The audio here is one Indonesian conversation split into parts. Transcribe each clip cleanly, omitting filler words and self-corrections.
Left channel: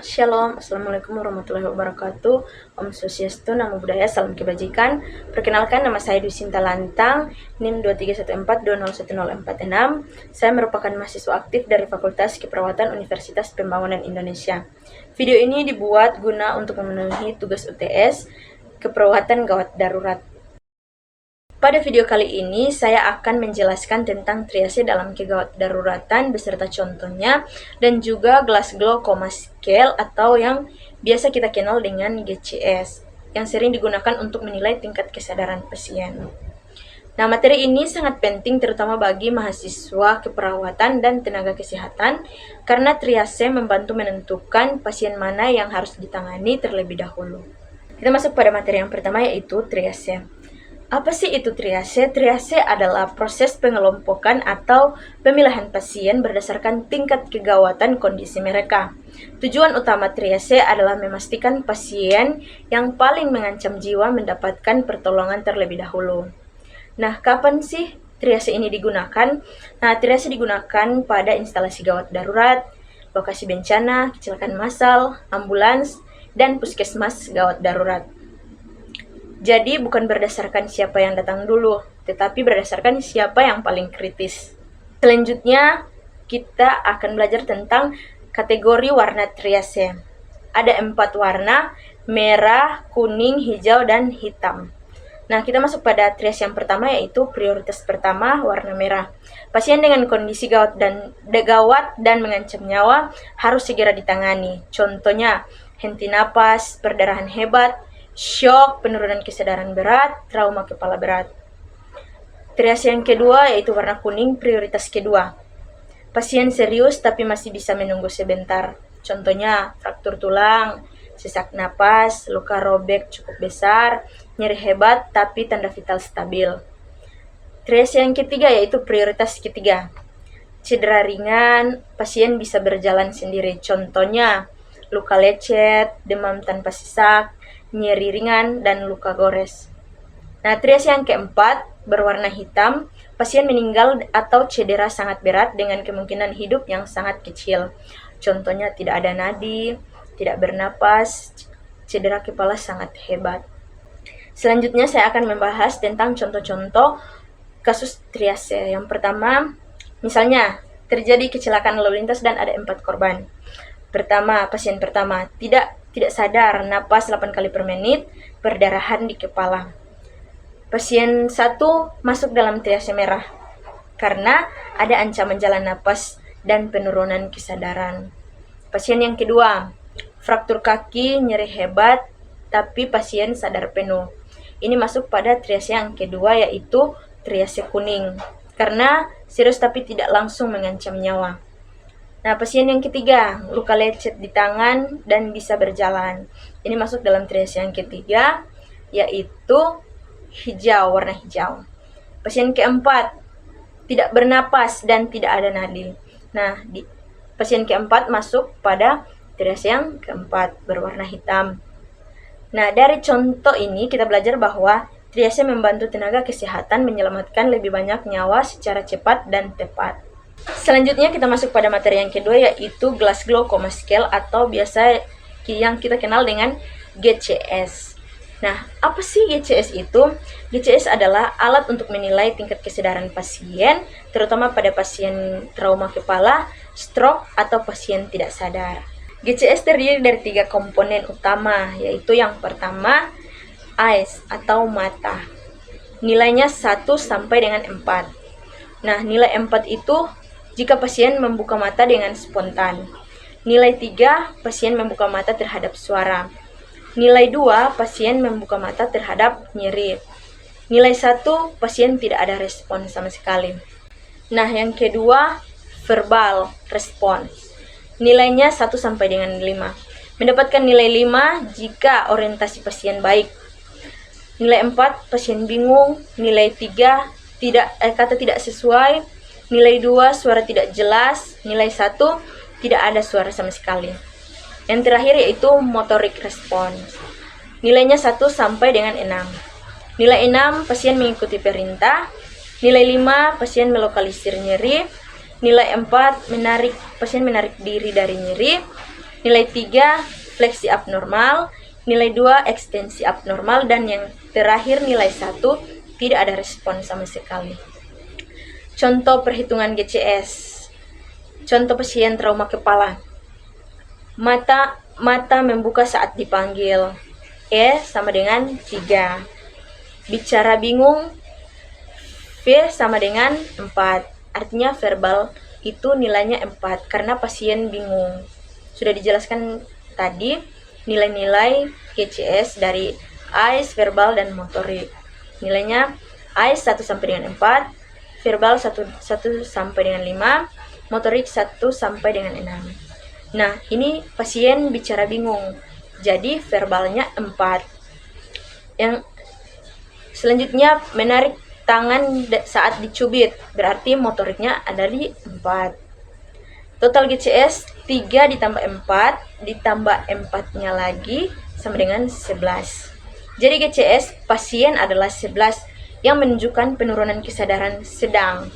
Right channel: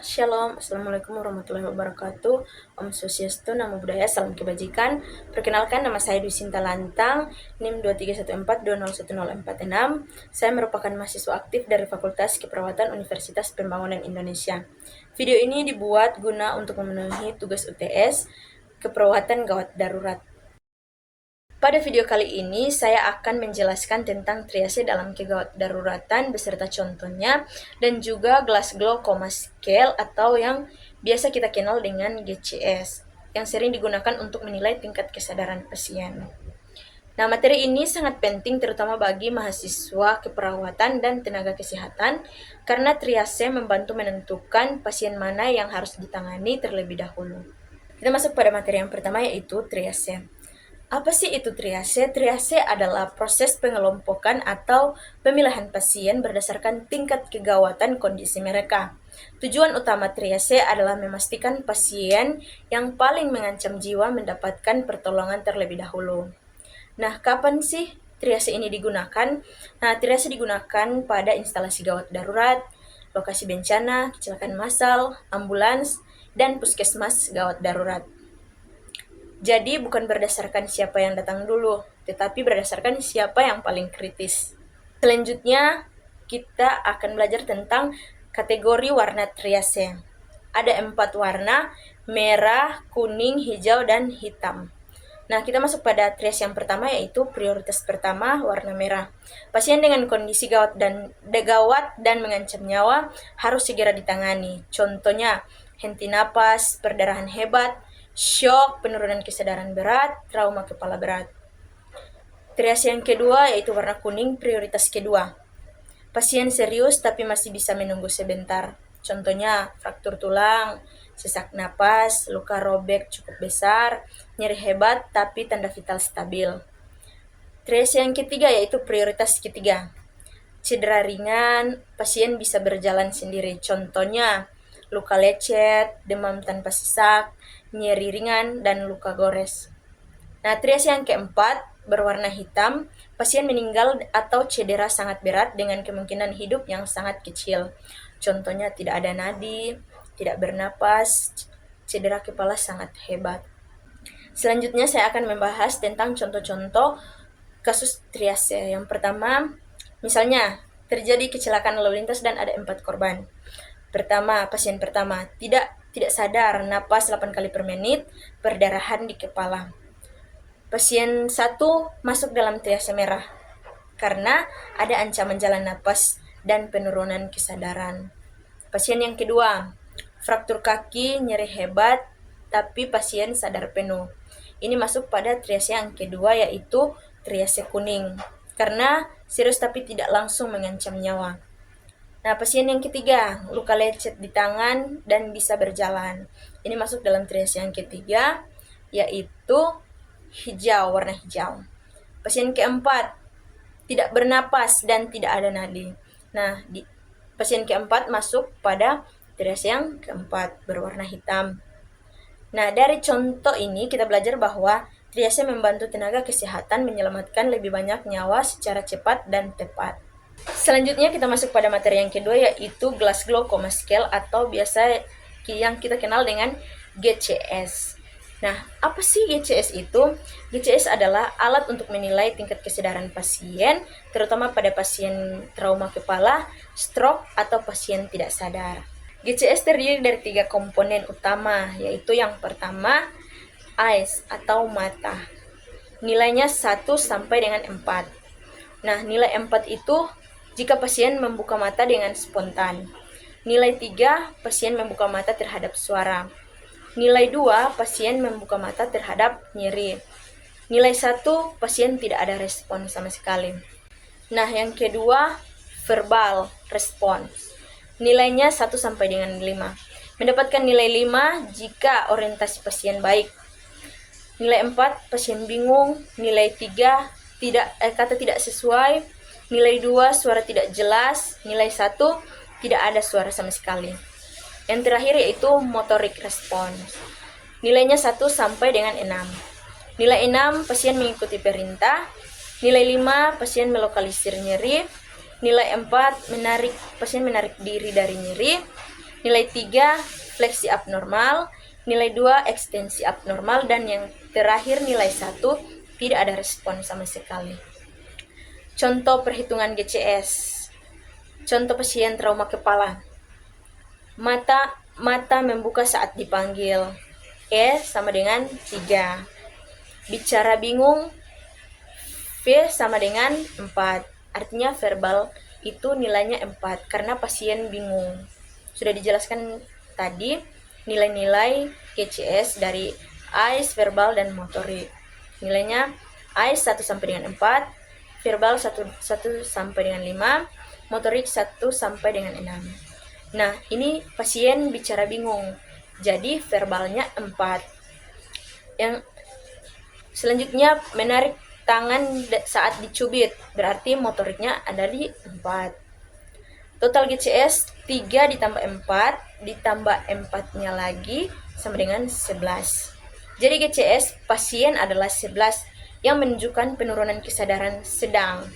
Shalom, Assalamualaikum warahmatullahi wabarakatuh. Om Swastiastu, Namo Buddhaya, Salam Kebajikan. Perkenalkan, nama saya Dwi Sinta Lantang, NIM 2314201046. Saya merupakan mahasiswa aktif dari Fakultas Keperawatan Universitas Pembangunan Indonesia. Video ini dibuat guna untuk memenuhi tugas UTS Keperawatan Gawat Darurat. Pada video kali ini, saya akan menjelaskan tentang triase dalam kegawat daruratan beserta contohnya, dan juga Glasgow Coma Scale atau yang biasa kita kenal dengan GCS, yang sering digunakan untuk menilai tingkat kesadaran pasien. Nah, materi ini sangat penting terutama bagi mahasiswa keperawatan dan tenaga kesehatan, karena triase membantu menentukan pasien mana yang harus ditangani terlebih dahulu. Kita masuk pada materi yang pertama, yaitu triase. Apa sih itu triase? Triase adalah proses pengelompokan atau pemilihan pasien berdasarkan tingkat kegawatan kondisi mereka. Tujuan utama triase adalah memastikan pasien yang paling mengancam jiwa mendapatkan pertolongan terlebih dahulu. Nah, kapan sih triase ini digunakan? Nah, triase digunakan pada instalasi gawat darurat, lokasi bencana, kecelakaan massal, ambulans, dan puskesmas gawat darurat. Jadi bukan berdasarkan siapa yang datang dulu, tetapi berdasarkan siapa yang paling kritis. Selanjutnya, kita akan belajar tentang kategori warna triase. Ada 4 warna, merah, kuning, hijau, dan hitam. Nah, kita masuk pada triase yang pertama, yaitu prioritas pertama, warna merah. Pasien dengan kondisi gawat dan mengancam nyawa harus segera ditangani. Contohnya, henti napas, perdarahan hebat, syok, penurunan kesadaran berat, trauma kepala berat. Triase yang kedua yaitu warna kuning, prioritas kedua. Pasien serius tapi masih bisa menunggu sebentar. Contohnya fraktur tulang, sesak napas, luka robek cukup besar, nyeri hebat tapi tanda vital stabil. Triase yang ketiga yaitu prioritas ketiga. Cedera ringan, pasien bisa berjalan sendiri. Contohnya luka lecet, demam tanpa sesak, nyeri ringan, dan luka gores. Nah, triase yang keempat, berwarna hitam, pasien meninggal atau cedera sangat berat dengan kemungkinan hidup yang sangat kecil. Contohnya tidak ada nadi, tidak bernapas, cedera kepala sangat hebat. Selanjutnya saya akan membahas tentang contoh-contoh kasus triase. Yang pertama, misalnya terjadi kecelakaan lalu lintas dan ada 4 korban. Pertama, pasien pertama tidak sadar, napas 8 kali per menit, perdarahan di kepala. Pasien 1 masuk dalam triase merah karena ada ancaman jalan napas dan penurunan kesadaran. Pasien yang kedua, fraktur kaki, nyeri hebat, tapi pasien sadar penuh. Ini masuk pada triase yang kedua, yaitu triase kuning, karena serius tapi tidak langsung mengancam nyawa. Nah, pasien yang ketiga, luka lecet di tangan dan bisa berjalan. Ini masuk dalam triase yang ketiga, yaitu hijau, warna hijau. Pasien keempat, tidak bernapas dan tidak ada nadi. Nah, pasien keempat masuk pada triase yang keempat, berwarna hitam. Nah, dari contoh ini kita belajar bahwa triase membantu tenaga kesehatan menyelamatkan lebih banyak nyawa secara cepat dan tepat. Selanjutnya kita masuk pada materi yang kedua, yaitu Glasgow Coma Scale atau biasa yang kita kenal dengan GCS. Nah, apa sih GCS itu? GCS adalah alat untuk menilai tingkat kesadaran pasien, terutama pada pasien trauma kepala, stroke, atau pasien tidak sadar. GCS terdiri dari 3 komponen utama, yaitu yang pertama, eyes atau mata. Nilainya 1 sampai dengan 4. Nah, nilai 4 itu jika pasien membuka mata dengan spontan. Nilai 3, pasien membuka mata terhadap suara. Nilai 2, pasien membuka mata terhadap nyeri. Nilai 1, pasien tidak ada respon sama sekali. Nah, yang kedua, verbal respons. Nilainya 1 sampai dengan 5. Mendapatkan nilai 5 jika orientasi pasien baik. Nilai 4, pasien bingung. Nilai 3, kata tidak sesuai. Nilai 2, suara tidak jelas. Nilai 1, tidak ada suara sama sekali. Yang terakhir yaitu motorik respons. Nilainya 1 sampai dengan 6. Nilai 6, pasien mengikuti perintah. Nilai 5, pasien melokalisir nyeri. Nilai 4, pasien menarik diri dari nyeri. Nilai 3 fleksi abnormal, nilai 2 ekstensi abnormal, dan yang terakhir nilai 1 tidak ada respon sama sekali. Contoh perhitungan GCS. Contoh pasien trauma kepala. Mata membuka saat dipanggil. E sama dengan 3. Bicara bingung. V sama dengan 4. Artinya verbal itu nilainya 4 karena pasien bingung. Sudah dijelaskan tadi nilai-nilai GCS dari AIS, verbal, dan motorik. Nilainya AIS 1 sampai dengan 4, verbal 1 sampai dengan 5, motorik 1 sampai dengan 6. Nah, ini pasien bicara bingung. Jadi verbalnya 4. Yang selanjutnya menarik tangan saat dicubit, berarti motoriknya ada di 4. Total GCS 3 ditambah 4 ditambah 4-nya lagi sama dengan 11. Jadi GCS pasien adalah 11 yang menunjukkan penurunan kesadaran sedang.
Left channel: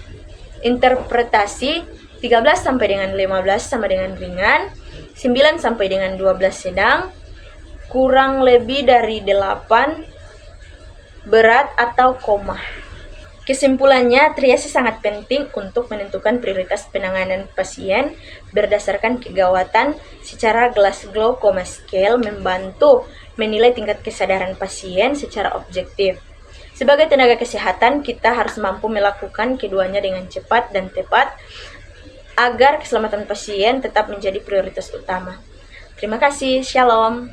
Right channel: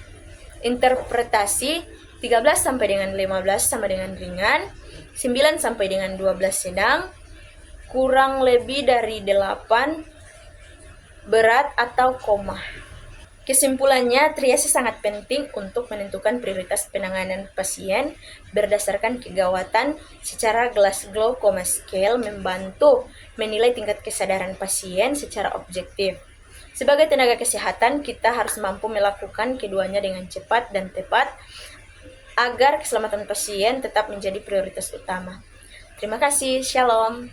Interpretasi 13 sampai dengan 15 sama dengan ringan, 9 sampai dengan 12 sedang, kurang lebih dari 8 berat atau koma. Kesimpulannya, triase sangat penting untuk menentukan prioritas penanganan pasien berdasarkan kegawatan. Secara Glasgow Coma Scale membantu menilai tingkat kesadaran pasien secara objektif. Sebagai tenaga kesehatan, kita harus mampu melakukan keduanya dengan cepat dan tepat agar keselamatan pasien tetap menjadi prioritas utama. Terima kasih, Shalom.